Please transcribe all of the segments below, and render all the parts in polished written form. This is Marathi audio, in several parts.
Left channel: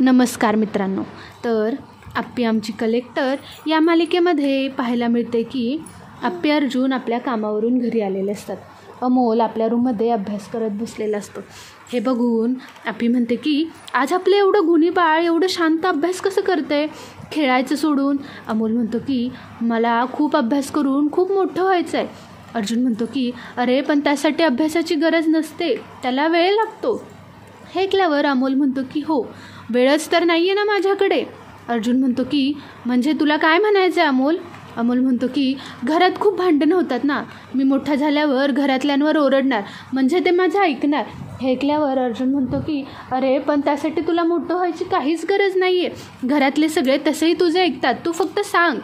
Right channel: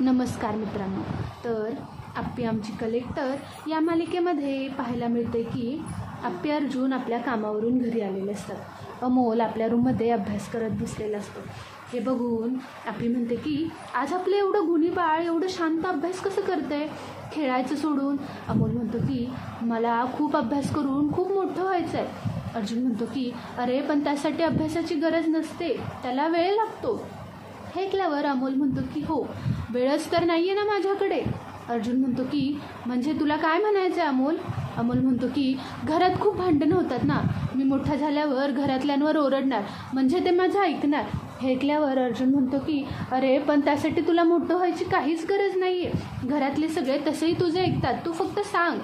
नमस्कार मित्रांनो. तर आप्पी आमची कलेक्टर या मालिकेमध्ये पाहायला मिळते की आप्पी अर्जुन आपल्या कामावरून घरी आलेले असतात. अमोल आपल्या रूममध्ये अभ्यास करत बसलेला असतो. हे बघून आप्पी म्हणते की आज आपलं एवढं गुणी बाळ एवढं शांत अभ्यास कसं करते, खेळायचं सोडून. अमोल म्हणतो की मला खूप अभ्यास करून खूप मोठं व्हायचं आहे. अर्जुन म्हणतो की अरे पण त्यासाठी अभ्यासाची गरज नसते, त्याला वेळ लागतो. हे ऐकल्यावर अमोल म्हणतो की हो, वेळच तर नाही आहे ना माझ्याकडे. अर्जुन म्हणतो की म्हणजे तुला काय म्हणायचं आहे अमोल. अमोल म्हणतो की घरात खूप भांडणं होतात ना, मी मोठा झाल्यावर घरातल्यांवर ओरडणार, म्हणजे ते माझं ऐकणार. हे ऐकल्यावर अर्जुन म्हणतो की अरे पण त्यासाठी तुला मोठं व्हायची काहीच गरज नाही आहे, घरातले सगळे तसेही तुझे ऐकतात, तू फक्त सांग.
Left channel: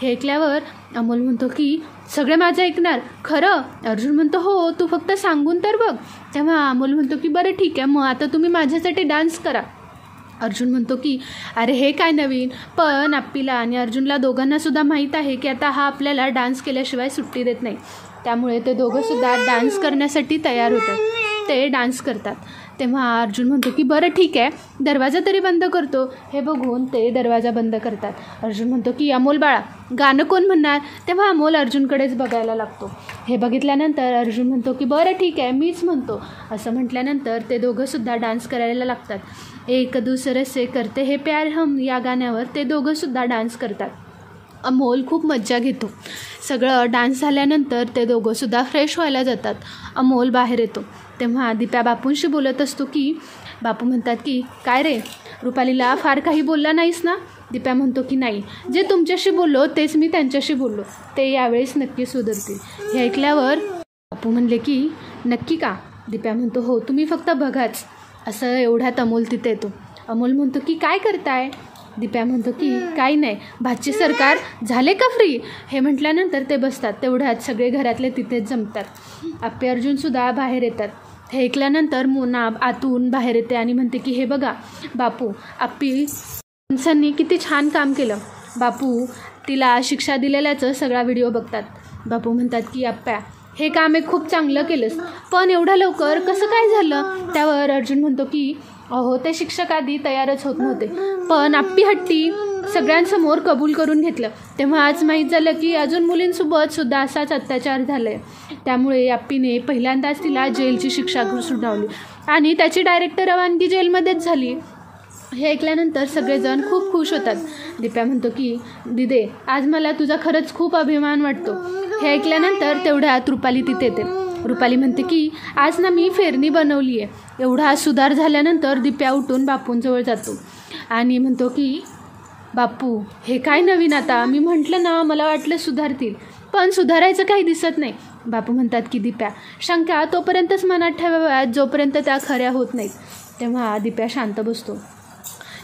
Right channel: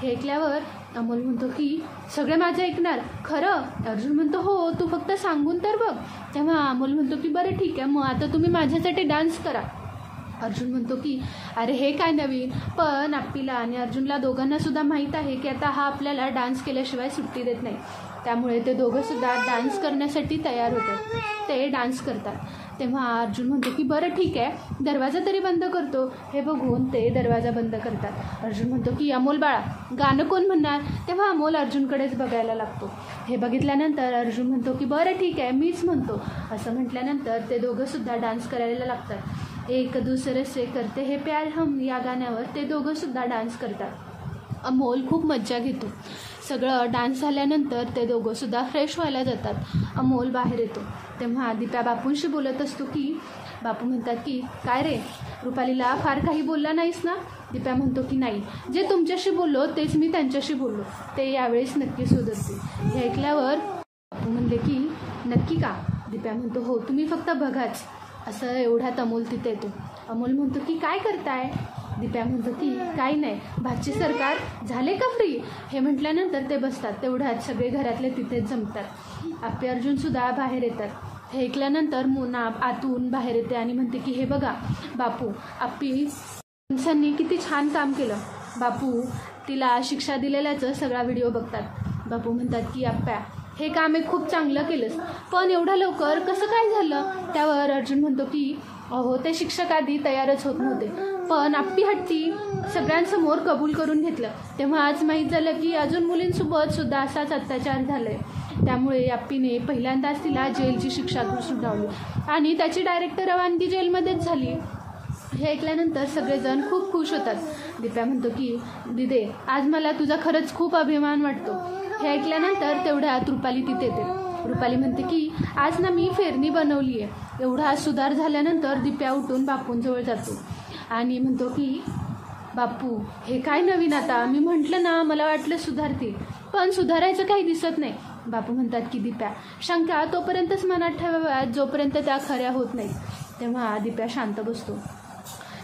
हे ऐकल्यावर अमोल म्हणतो की सगळे माझं ऐकणार खरं. अर्जुन म्हणतो हो, तू फक्त सांगून तर बघ. तेव्हा अमोल म्हणतो की बरं ठीक आहे, मग आता तुम्ही माझ्यासाठी डान्स करा. अर्जुन म्हणतो की अरे हे काय नवीन, पण आप्पीला आणि अर्जुनला दोघांनासुद्धा माहीत आहे की आता हा आपल्याला डान्स केल्याशिवाय सुट्टी देत नाही. त्यामुळे ते दोघंसुद्धा डान्स करण्यासाठी तयार होतात. ते डान्स करतात. तेव्हा अर्जुन म्हणतो की बरं ठीक आहे, दरवाजा तरी बंद करतो. हे बघून ते दरवाजा बंद करतात. अर्जुन म्हणतो की अमोल बाळा, गाणं कोण म्हणणार. तेव्हा अमोल अर्जुनकडेच बघायला लागतो. हे बघितल्यानंतर अर्जुन म्हणतो की बरं ठीक आहे, मीच म्हणतो. असं म्हटल्यानंतर ते दोघंसुद्धा डान्स करायला लागतात. एक दूसरे से करते हे प्यार हम या गाण्यावर ते दोघंसुद्धा डान्स करतात. अमोल खूप मज्जा घेतो. सगळं डान्स झाल्यानंतर ते दोघंसुद्धा फ्रेश व्हायला जातात. अमोल बाहेर येतो. तेव्हा दिप्या बापूंशी बोलत असतो की बापू म्हणतात की काय रे, रुपालीला फार काही बोलला नाहीस ना. दिप्या म्हणतो की नाही, जे तुमच्याशी बोललो तेच मी त्यांच्याशी बोललो, ते यावेळेस नक्की सुधारतील. हे ऐकल्यावर बापू म्हणले की नक्की का. दिप्या म्हणतो हो, तुम्ही फक्त बघाच. असं एवढ्यात अमोल तिथे येतो. अमोल म्हणतो की काय करताय. दिप्या म्हणतो की काही नाही, भाची सरकार झाले का फ्री. हे म्हटल्यानंतर ते बसतात. तेवढ्यात सगळे घरातले तिथेच जमतात. आप्पी अर्जुनसुद्धा बाहेर येतात. हे ऐकल्यानंतर मोना आतून बाहेर येते आणि म्हणते की हे बघा बापू, आप्पी माणसांनी किती छान काम केलं. बापू तिला शिक्षा दिलेल्याचं सगळा व्हिडिओ बघतात. बापू म्हणतात की आप्प्या, हे काम एक खूप चांगलं केलंस, पण एवढ्या लवकर कसं काय झालं. त्यावर अर्जुन म्हणतो की अहो, ते शिक्षक आधी तयारच होत नव्हते, पण आप्पी हट्टी सगळ्यांसमोर कबूल करून घेतलं. तेव्हा आज माहीत झालं की अजून मुलींसोबत सुद्धा असाच अत्याचार झाला आहे. त्यामुळे आप्पीने पहिल्यांदाच तिला जेलची शिक्षा सुनावली आणि त्याची डायरेक्ट रवानगी जेलमध्येच झाली. हे ऐकल्यानंतर सगळेजण खूप खुश होतात. दिप्या म्हणतो की दिदे, आज मला तुझा खरंच खूप अभिमान वाटतो. हे ऐकल्यानंतर तेवढ्यात रुपाली तिथे येते. रुपाली म्हणते की आज ना मी फेरणी बनवली आहे. एवढा सुधार झाल्यानंतर दिप्या उठून बापूंजवळ जातो आणि म्हणतो की बापू, हे काय नवीन आता, मी म्हटलं ना मला वाटलं सुधारतील, पण सुधारायचं काही दिसत नाही. बापू म्हणतात की दिप्या, शंका तोपर्यंतच मनात ठेवाव्यात जोपर्यंत त्या खऱ्या होत नाहीत. तेव्हा दिप्या शांत बसतो.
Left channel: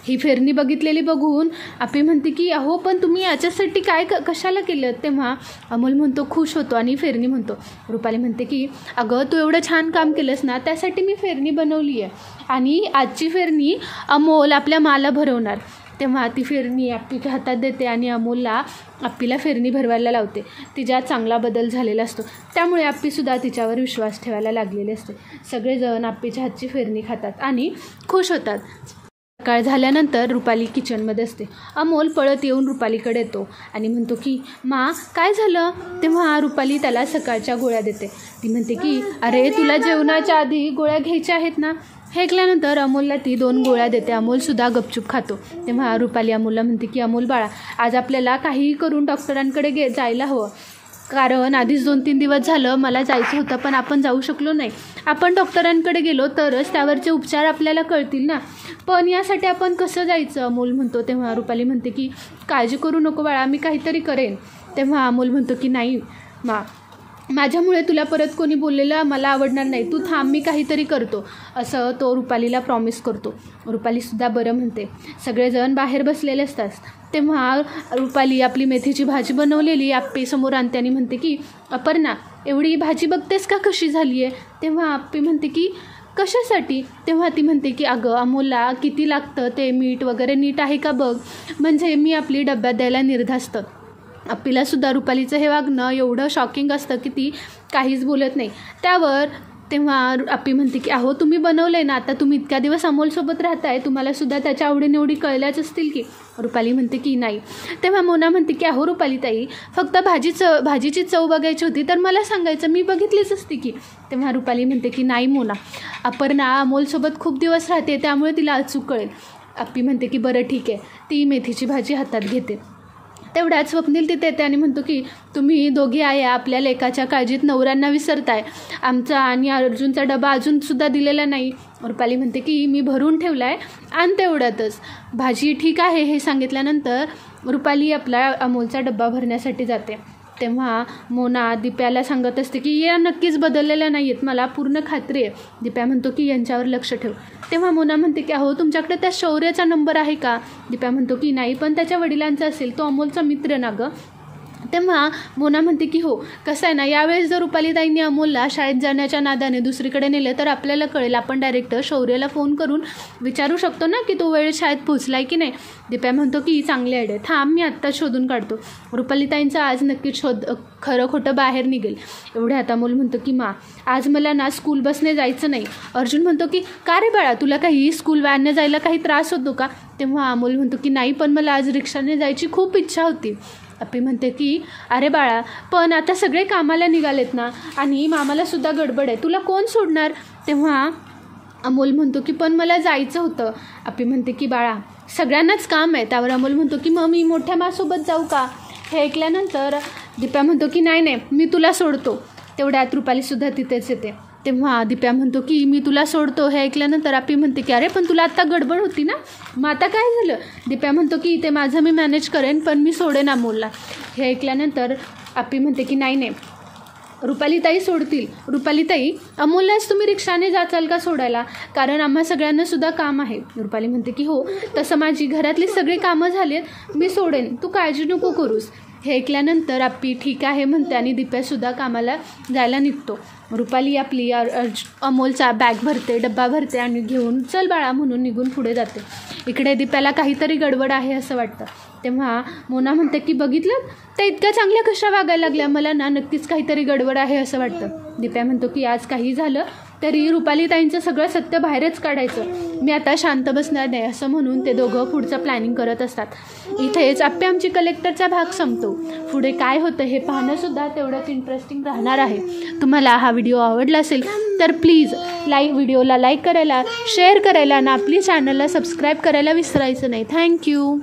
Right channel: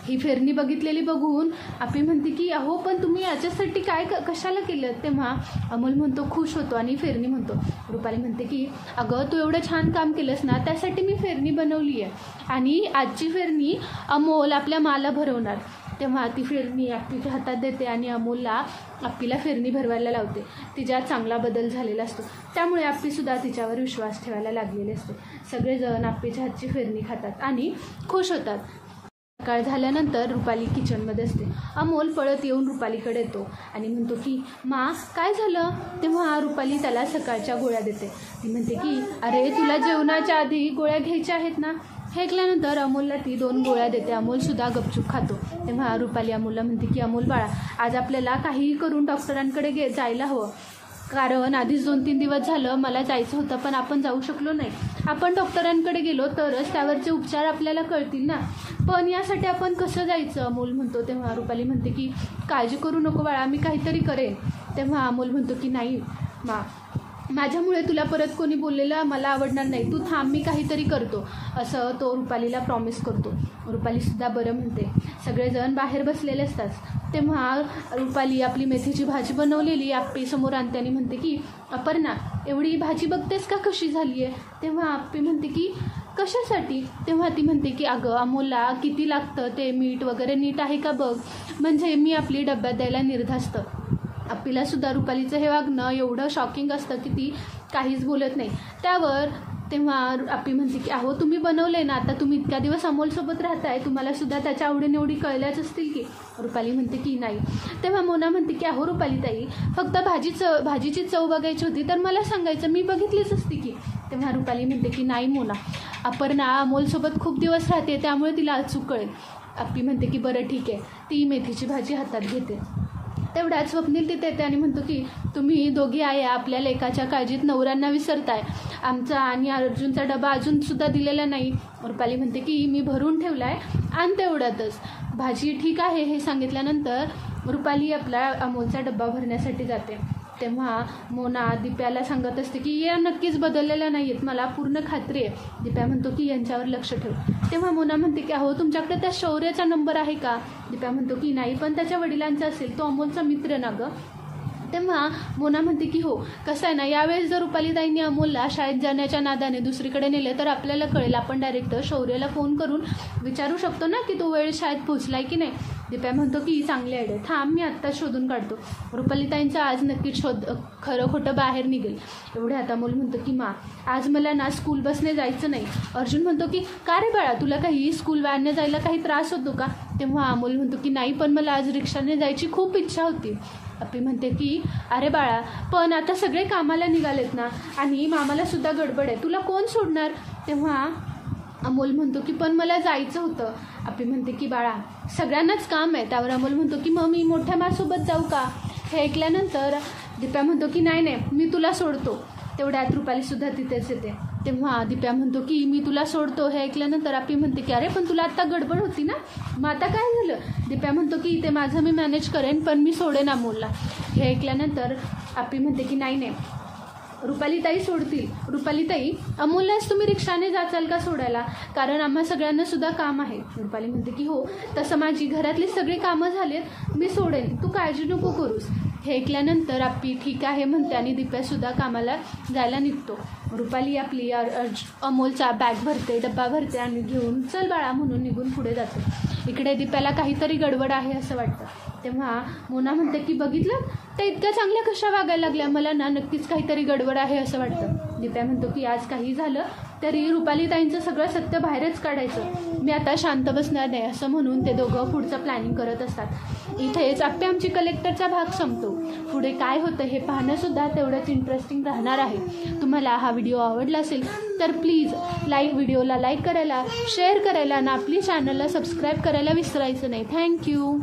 ही फेरणी बघितलेली बघून आप्पी म्हणते की अहो पण तुम्ही याच्यासाठी काय कशाला केलं. तेव्हा अमोल म्हणतो खुश होतो आणि फेरणी म्हणतो. रुपाली म्हणते की अगं तू एवढं छान काम केलंस ना, त्यासाठी मी फेरणी बनवली आहे आणि आजची फेरणी अमोल आपल्या माला भरवणार. तेव्हा ती फेरणी आप्पीच्या हातात देते आणि अमोलला आप्पीला फेरणी भरवायला लावते. तिच्यात चांगला बदल झालेला असतो. त्यामुळे आप्पीसुद्धा तिच्यावर विश्वास ठेवायला लागलेले असते. सगळेजण आप्पीच्या हातची फेरणी खातात आणि खुश होतात. सकाळ झाल्यानंतर रुपाली किचनमध्ये असते. अमोल पळत येऊन रुपालीकडे येतो आणि म्हणतो की मा काय झालं. तेव्हा रुपाली त्याला सकाळच्या गोळ्या देते. ती म्हणते की अरे तुला जेवणाच्या आधी गोळ्या घ्यायच्या आहेत ना. हे ऐकल्यानंतर अमोलला ती 2 गोळ्या देते. अमोलसुद्धा गपचूप खातो. तेव्हा रुपाली अमोलला म्हणते की अमोल बाळा, आज आपल्याला काहीही करून डॉक्टरांकडे जायला हवं, कारण आधीच 2-3 दिवस झालं मला जायचं होतं पण आपण जाऊ शकलो नाही. आपण डॉक्टरांकडे गेलो तरच त्यावरचे उपचार आपल्याला कळतील ना, पण यासाठी आपण कसं जायचं. अमोल म्हणतो. तेव्हा रुपाली म्हणते की काळजी करू नको बाळा, मी काहीतरी करेन. तेव्हा अमोल म्हणतो की नाही मा, माझ्यामुळे तुला परत कोणी बोललेलं मला आवडणार नाही, तू थांब, मी काहीतरी करतो, असं तो रुपालीला प्रॉमिस करतो. रुपालीसुद्धा बरं म्हणते. सगळेजण बाहेर बसलेले असतात. तेव्हा रुपाली आपली मेथीची भाजी बनवलेली आप्पी समोर आणते आणि म्हणते की अपर्णा, एवढी भाजी बघतेस का कशी झाली आहे. तेव्हा आप्पी म्हणते की कशासाठी. तेव्हा ती म्हणते की अगं अमोलला किती लागतं ते मीठ वगैरे नीट आहे का बघ, म्हणजे मी आपली डब्यात द्यायला निर्धास्त. आप्पीलासुद्धा रुपालीचं हे वागणं एवढं शॉकिंग असतं की ती काहीच बोलत नाही. त्यावर तेव्हा आप्पी म्हणते की अहो तुम्ही बनवलं आहे ना, आता तुम्ही इतक्या दिवस अमोलसोबत राहताय, तुम्हालासुद्धा त्याच्या आवडीनिवडी कळल्याच असतील की. रुपाली म्हणते की नाही. तेव्हा मोना म्हणते की अहो रुपालीताई, फक्त भाजीची चव बघायची होती तर मला सांगायचं, मी बघितलीच असती की. तेव्हा रुपाली म्हणते की नाही मोना, अपर्णा अमोलसोबत खूप दिवस राहते त्यामुळे तिला अचूक कळेल. आप्पी म्हणते की बरं ठीक आहे. ती मेथीची भाजी हातात घेते. तेवढ्यात स्वप्नील तिथे येते आणि म्हणतो की तुम्ही दोघी आया आपल्या लेकाच्या काळजीत नवऱ्यांना विसरताय, आमचा आणि अर्जुनचा डबा अजूनसुद्धा दिलेला नाही. रुपाली म्हणते की मी भरून ठेवला आहे आणि तेवढ्यातच भाजी ठीक आहे हे सांगितल्यानंतर रुपाली आपला अमोलचा डब्बा भरण्यासाठी जाते. तेव्हा मोना दिप्याला सांगत असते की या नक्कीच बदललेल्या नाही आहेत, मला पूर्ण खात्री आहे. दिप्या म्हणतो की यांच्यावर लक्ष ठेव. तेव्हा मोना म्हणते की अहो तुमच्याकडे त्या शौर्याचा नंबर आहे का. दिप्या म्हणतो की नाही, पण त्याच्या वडिलांचा असेल, तो अमोलचा मित्र ना गं. तेव्हा मोना म्हणते की हो, कसं आहे ना, यावेळेस जर रुपालीताईंनी अमोलला शाळेत जाण्याच्या नादाने दुसरीकडे नेलं तर आपल्याला कळेल, आपण डायरेक्ट शौर्याला फोन करून विचारू शकतो ना की तो वेळ शाळेत पोचलाय की नाही. दिप्या म्हणतो की चांगली आयडिया, थांब मी आत्ता शोधून काढतो. रुपालीताईंचा आज नक्कीच खरं खोटं बाहेर निघेल. एवढे आता अमोल म्हणतो की मा, आज मला ना स्कूल बसने जायचं नाही. अर्जुन म्हणतो की का रे बाळा, तुला काही स्कूल व्हॅनने जायला काही त्रास होतो का. तेव्हा अमोल म्हणतो की नाही, पण मला आज रिक्षाने जायची खूप इच्छा होती. आप्पी म्हणते की अरे बाळा, पण आता सगळे कामाला निघालेत ना आणि मामालासुद्धा गडबड आहे, तुला कोण सोडणार. तेव्हा अमोल म्हणतो की पण मला जायचं होतं. आप्पी म्हणते की बाळा, सगळ्यांनाच काम आहे. त्यावर अमोल म्हणतो की मग मी मोठ्या मासोबत जाऊ का. हे ऐकल्यानंतर दिप्या म्हणतो की नाही नाही, मी तुला सोडतो. तेवढ्यात रुपालीसुद्धा तिथेच येते. तेव्हा दिप्या म्हणतो की मी तुला सोडतो. हे ऐकल्यानंतर आप्पी म्हणते की अरे पण तुला आत्ता गडबड होती ना, मग आता काय झालं. दिप्या म्हणतो की ते माझं मी मॅनेज करेन, पण मी सोडेन अमोलला. हे ऐकल्यानंतर आप्पी म्हणते की नाही नाही, रुपालीताई सोडतील. रुपालीताई, अमोललाच तुम्ही रिक्षाने जाचाल का सोडायला, कारण आम्हा सगळ्यांना सुद्धा काम आहे. रुपाली म्हणते की हो, तसं माझी घरातली सगळी कामं झालीत, मी सोडेन, तू काळजी नको करूस. हे ऐकल्यानंतर आप्पी ठीक आहे म्हणते आणि दिप्यासुद्धा कामाला जायला निघतो. रुपाली आपली अमोलचा बॅग भरते, डब्बा भरते आणि घेऊन चल बाळा म्हणून निघून पुढे जाते. इकडे दिप्याला काहीतरी गडबड आहे असं वाटतं. तेव्हा मोना म्हणते की बघितलं, त्या इतक्या चांगल्या कशा वागायला लागल्या, मला ना नक्कीच काहीतरी गडबड आहे असं वाटतं. दिप्या म्हणतो की आज काही झालं तरी रुपालीताईंचं सगळं सत्य बाहेरच काढायचं, मी आता शांत बसणार नाही असं म्हणून ते दोघं पुढचं प्लॅनिंग करत असतात. इथेच आप्पी आमची कलेक्टरचा भाग संपतो. पुढे काय होतं हे पाहणंसुद्धा तेवढंच इंटरेस्टिंग राहणार आहे. तुम्हाला हा व्हिडिओ आवडला असेल तर प्लीज व्हिडिओला लाईक करायला, शेअर करायला आणि आपली चॅनलला सबस्क्राईब करायला विसरायचं नाही. थँक्यू.